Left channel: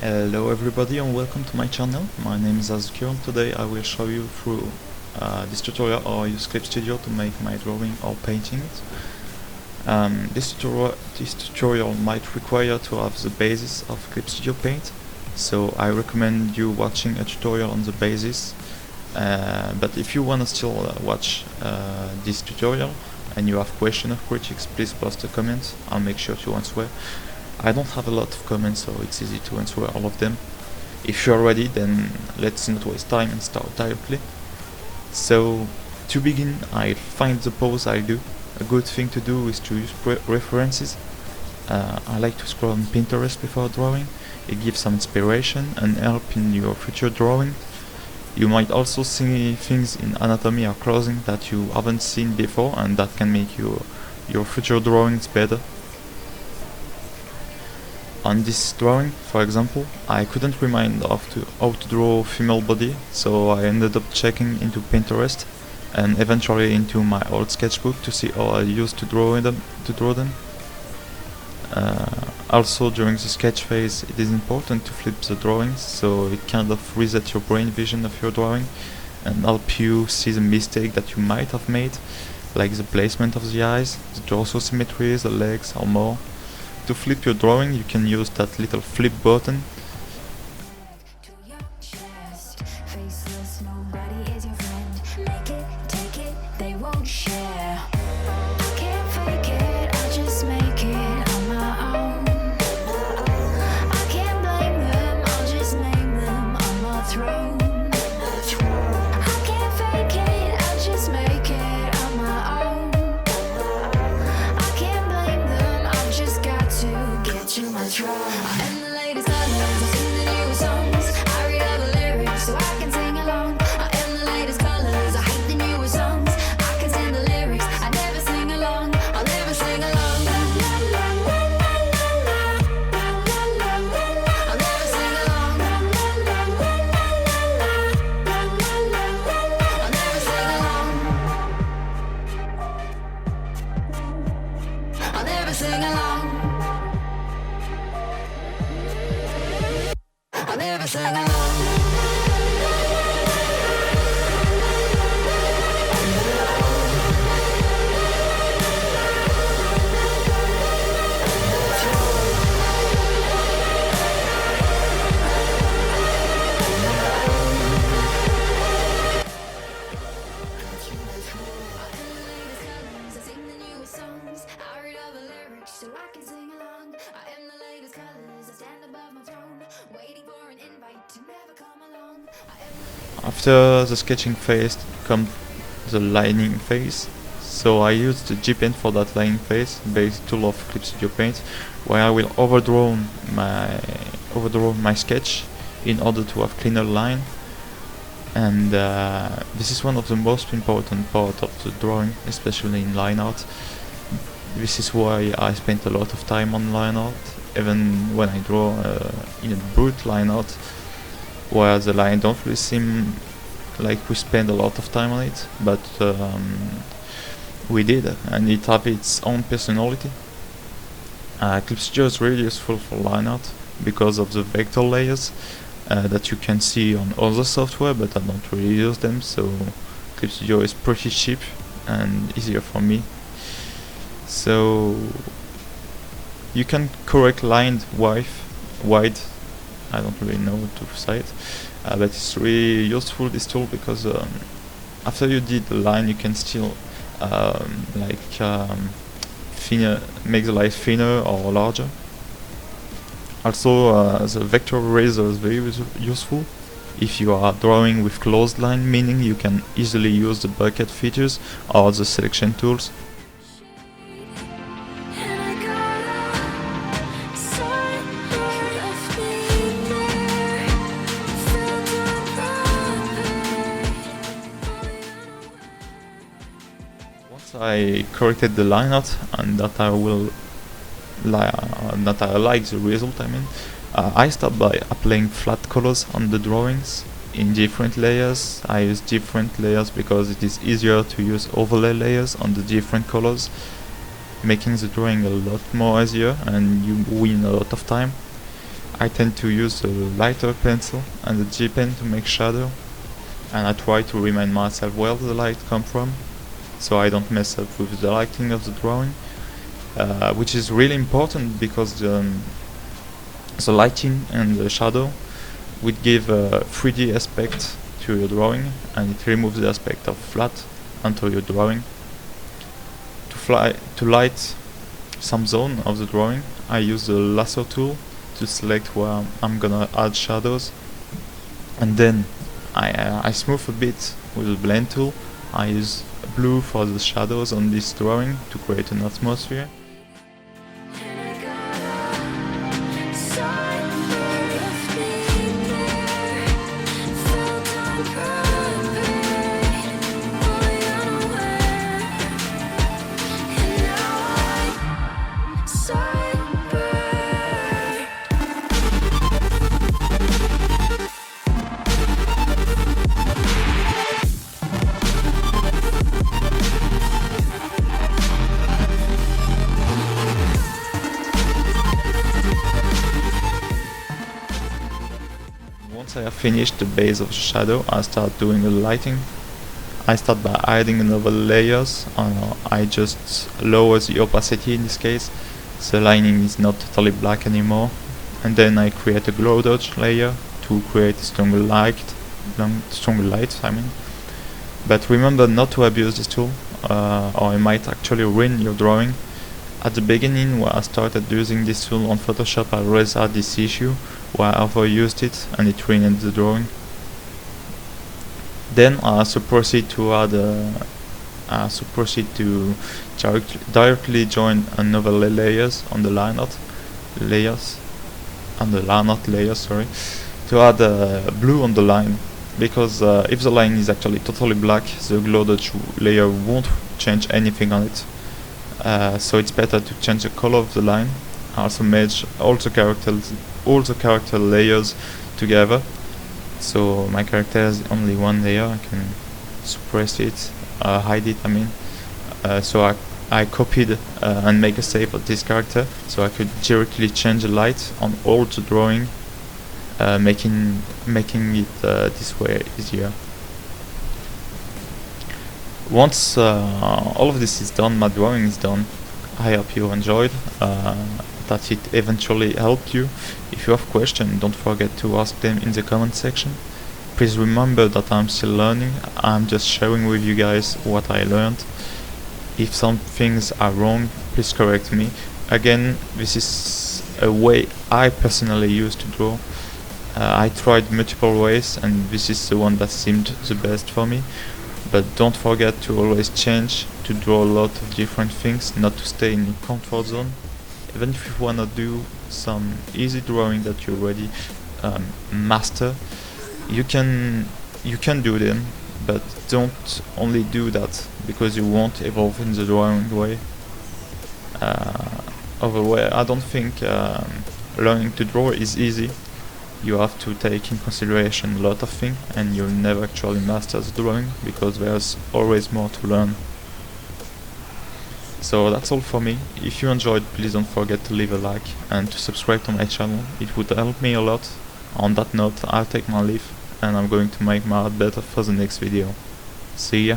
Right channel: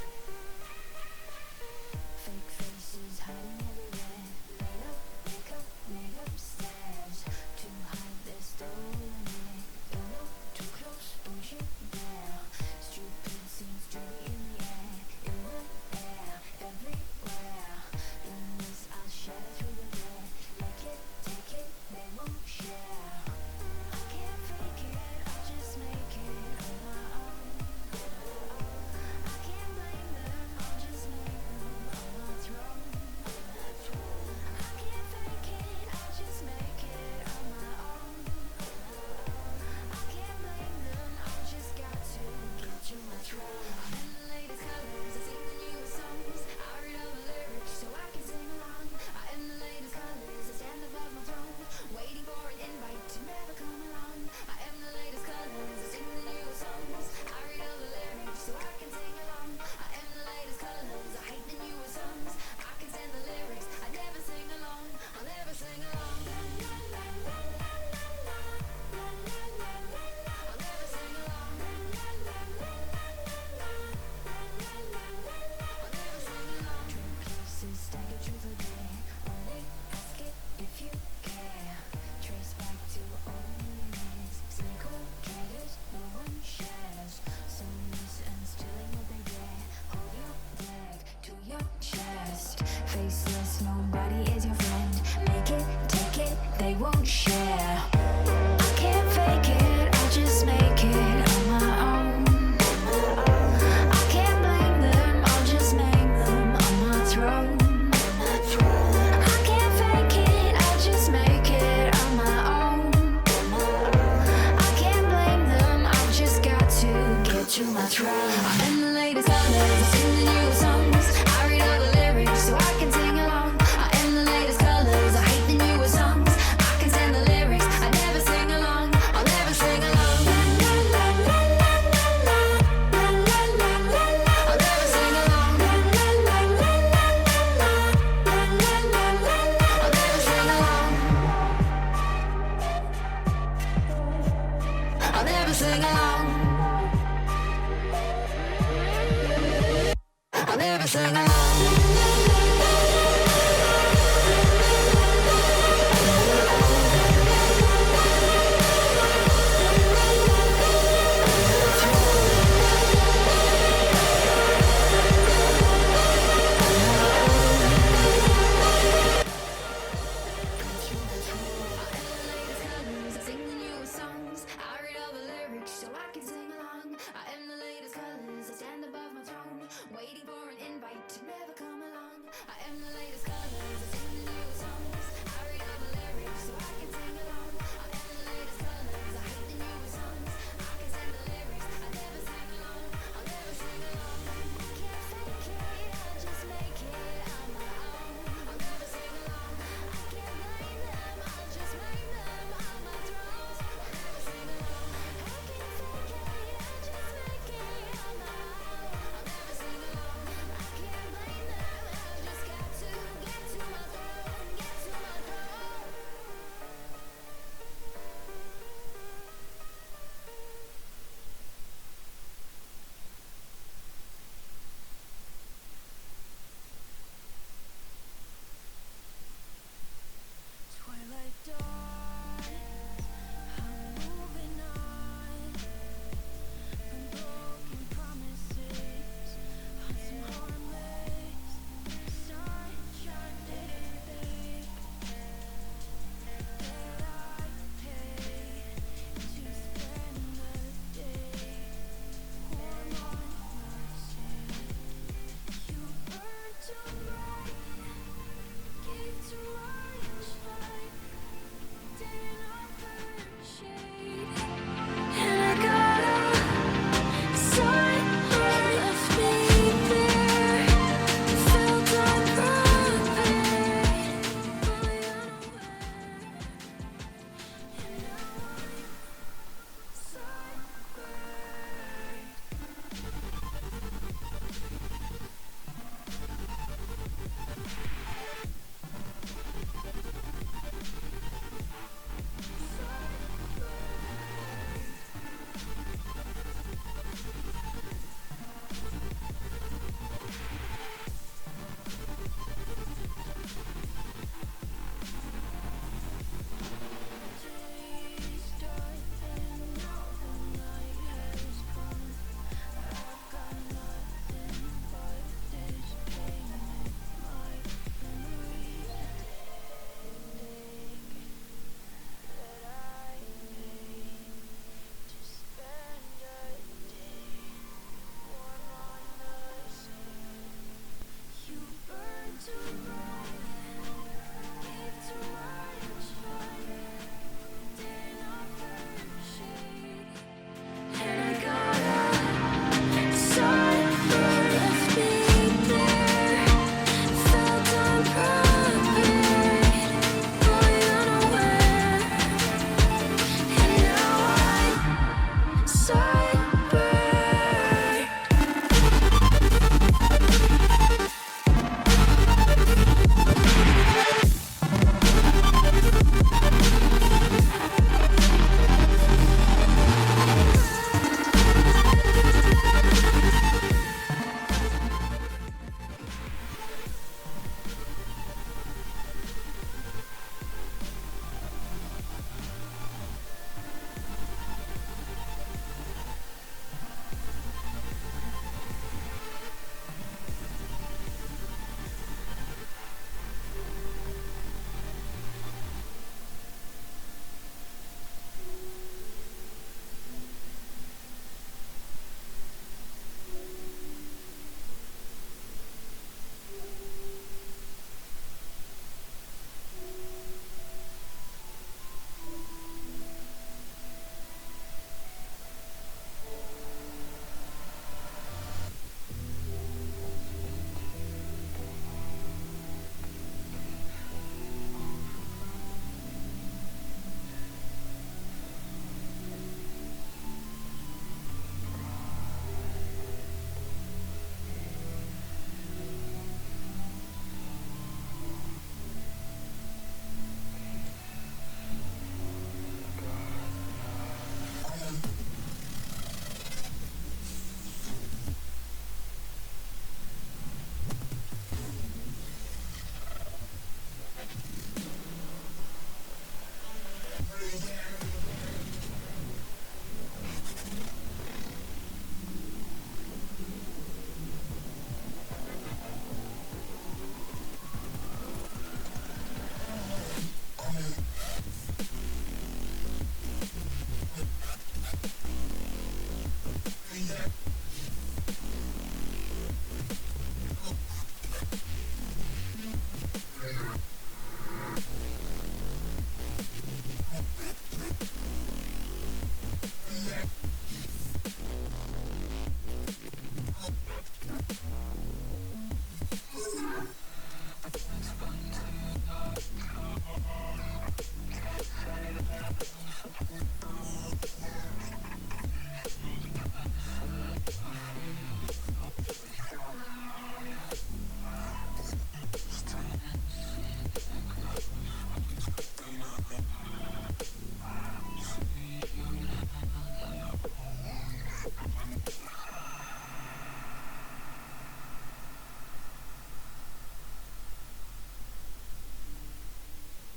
Hello everybody and welcome to my channel. My name is Azuki and today I will show you through this tutorial how I use Clip Studio to make my drawing or paintings. This tutorial might require to have the basis of Clip Studio Paint, so I recommend you watching a tutorial on the basis. But if you want to still watch this tutorial and you have questions or critiques, please post a comment. I'll make sure to answer. I don't have a lot of comments, so it's easy to answer all of them. If you're ready, then let's not waste time and start directly. So to begin, I'll find the pose I do. A good thing to do is to use references. I like to scroll on Pinterest before drawing. It gives some inspiration and help in your future drawing. You might also see things in anatomy or clothing that you haven't seen before, and that can make your future drawings better. On this drawing, for example, I couldn't remember how to draw a female body, so I ended up checking into Pinterest and eventually into my old sketchbook to see how I used to draw them. Also, during the sketch phase, it is important to flip the drawings, so it kind of resets your brain vision of your drawing and help you see the mistake that you might have made, like the placement of the eyes, the torso symmetry, the legs, or more. To flip your drawing, you can use that little flip button. Nobody is your friend. Make it, take it, they won't share. I can't fake it, I'll just make it on my own. I can't blame them, I'll just name them on the throne. I can't fake it, I'll just make it on my own. I can't blame them, I've just got to get to my throne. I am the latest colors, I sing the newest songs. I read all the lyrics so I can sing along. I am the latest colors, I hate the newest songs. I can stand the lyrics, I never sing along. I'll never sing along. I'll never sing along. I'll never sing along. I'll never sing along. I'll never sing along. So I can sing along. I am the latest colors, I stand above my throne, waiting for an invite to never come along. I am the latest. After the sketching phase comes the lining phase. So I use the G pen for that lining phase, basic tool of Clip Studio Paint, where I will overdraw my sketch in order to have cleaner line. And this is one of the most important part of the drawing, especially in line art. This is why I spent a lot of time on line art, even when I draw in a brute line art, where the line don't really seem like we spend a lot of time on it, but we did, and it has its own personality. Clip Studio is really useful for line art because of the vector layers that you can see on other software, but I don't really use them, so Clip Studio is pretty cheap and easier for me. So you can correct line wide. I don't really know to say it, but it's really useful, this tool, because after you did the line, you can still make the line thinner or larger. Also, the vector eraser is very useful if you are drawing with closed line, meaning you can easily use the bucket features or the selection tools. I corrected the line art and that I like the result. I start by applying flat colors on the drawings in different layers. I use different layers because it is easier to use overlay layers on the different colors, making the drawing a lot more easier and you win a lot of time. I tend to use the lighter pencil and the G pen to make shadow, and I try to remind myself where the light comes from, so I don't mess up with the lighting of the drawing, which is really important because the lighting and the shadow would give a 3D aspect to your drawing, and it removes the aspect of flat onto your drawing. To light some zone of the drawing, I use the lasso tool to select where I'm gonna add shadows, and then I smooth a bit with the blend tool. I use blue for the shadows on this drawing to create an atmosphere. Once I have finished the base of the shadow, I start doing the lighting. I start by adding another layers. I just lower the opacity in this case. The lining is not totally black anymore. And then I create a glow dodge layer to create stronger light. But remember not to abuse this tool, or it might actually ruin your drawing. At the beginning, when I started using this tool on Photoshop, I always had this issue where I overused it and it ruined the drawing. Then I also proceed to directly join another layers on the line art layers, sorry, to add blue on the line, because if the line is actually totally black, the glow dodge layer won't change anything on it. So it's better to change the color of the line. I also merge all the character layers together. So my character has only one layer. I can suppress it, hide it. So I copied and make a save of this character, so I could directly change the light on all the drawing, making it this way easier. Once all of this is done, my drawing is done. I hope you enjoyed, that it eventually helped you. If you have questions, don't forget to ask them in the comment section. Please remember that I'm still learning. I'm just sharing with you guys what I learned. If some things are wrong, please correct me. Again, this is a way I personally used to draw. I tried multiple ways and this is the one that seemed the best for me. But don't forget to always change, to draw a lot of different things, not to stay in your comfort zone. Even if you wanna do some easy drawing that you already master, you can do them, but don't only do that because you won't evolve in the drawing way. I don't think learning to draw is easy. You have to take in consideration a lot of things, and you'll never actually master the drawing because there's always more to learn. So that's all for me. If you enjoyed, please don't forget to leave a like and to subscribe to my channel. It would help me a lot. On that note, I'll take my leave and I'm going to make my art better for the next video. See ya!